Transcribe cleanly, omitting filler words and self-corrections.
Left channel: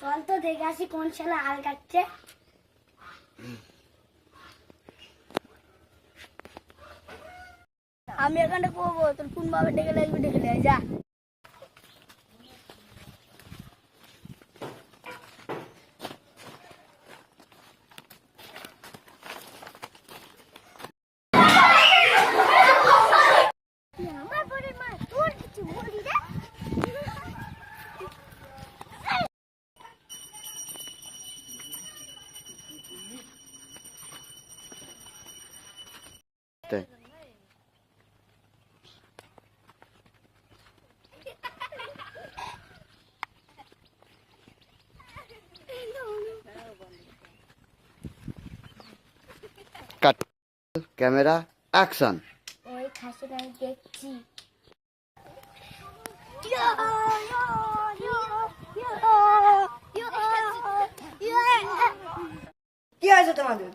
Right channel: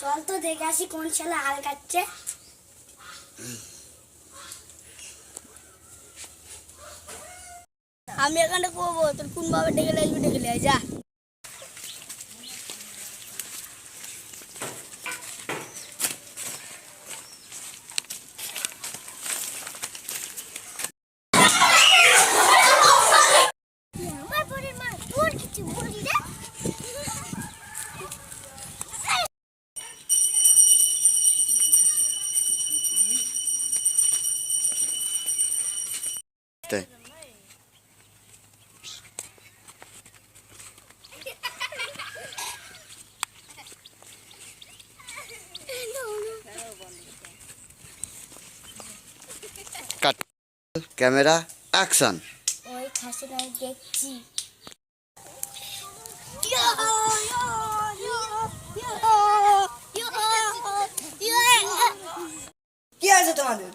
চল তো দেখে আসি কোন ছেলে হাল কাটছে। আমি এখানে করবো, তোর কোন ভাবে ডেকে আসবি ডেকে নিয়ে আয়, যা। আমার বোনের মা তোর কিছু বলি রে। কাট, ক্যামেরা অ্যাকশন। ওই খাসিটা আমি দেখছি। কি আছে তোমাদের?